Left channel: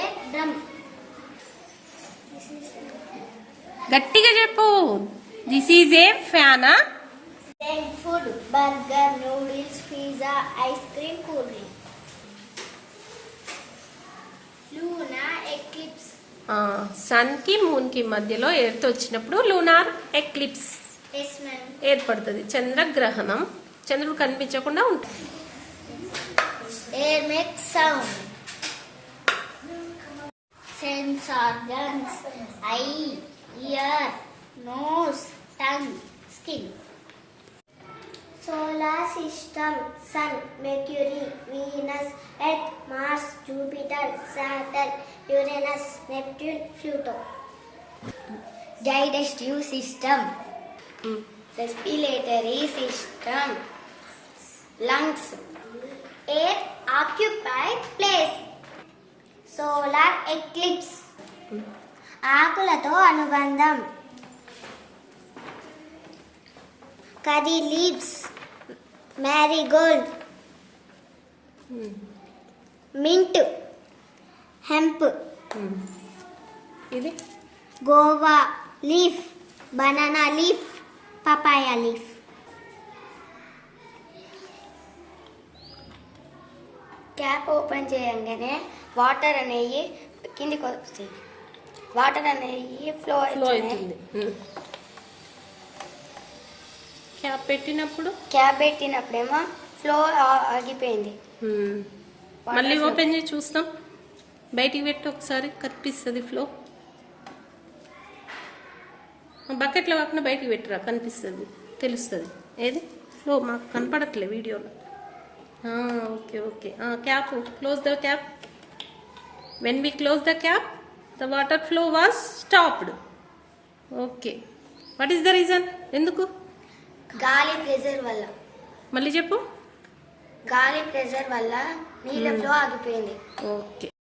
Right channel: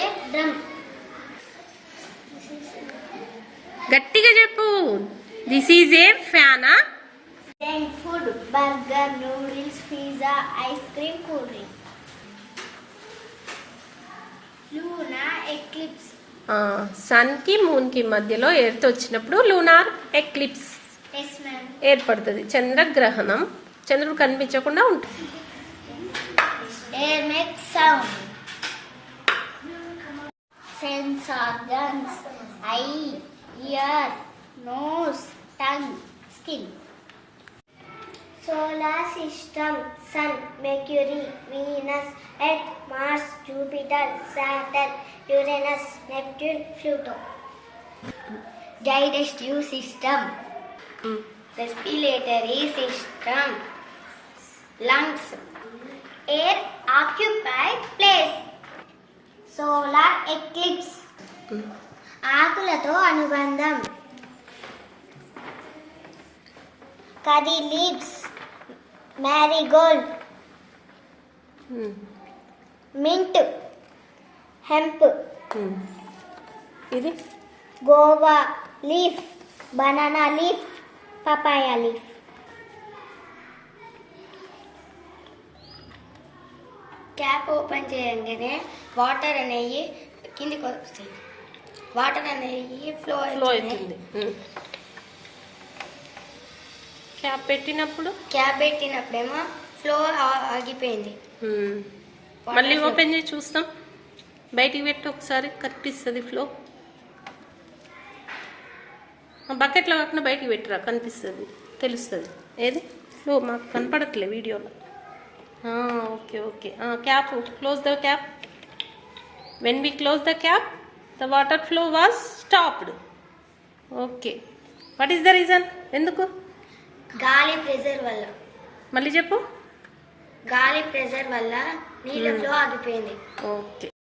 a drum. గట్టిగా చెప్పు. This is a ఫ్యానా? Then food, burger, noodles, pizza, ice cream, cool drink. Lunar eclipse. Sun కి moon కి మధ్యలో ఎర్త్ వచ్చినప్పుడు లూనార్ ఎక్లిప్స్ Yes, ma'am. ఏర్పడుతుంది. చంద్రగ్రహణం. చంద్రుడు కనిపించకుండా ఉంటుంది. Air makes sound. Sense organs: eye, ear, nose, tongue, skin. Solar system: Sun, Mercury, Venus, Earth, Mars, Jupiter, Saturn, Uranus, Neptune, Pluto. Digestive system: respiratory system, lungs. Air occupy place. Solar eclipse. ఆకులతో అనుబంధం. Curry leaves, marigold, mint, hemp. ఇది guava leaf, banana leaf, papaya leaf. Tap open చేయగానే water అనేవి కిందికి వస్తాయి. Water అనేవి flow అవుతుంది. Cap పెట్టినప్పుడేమో flow ఆగిపోయింది. మళ్ళీ ఓపెన్ చేసి చూస్తాం. బయటికి పెట్టి ఒకసారి కనిపిస్తుంది ఫ్లో. బకెట్లో కాకుండా బయటికి పెట్టిరా, కనిపిస్తుంది, తెలుస్తుంది. ఏది ఫ్లో మాకు కనపడట్లే వీడియోలో. Okay okay. Cap, close the cap. When we close the cap the water flow was stopped. Okay. What is the reason? ఎందుకు? గాలి ప్రెజర్ వల్ల. మళ్ళీ చెప్పు. గాలి ప్రెజర్ వల్ల నీళ్ళ ఫ్లో ఆగిపోయింది. ఓకే.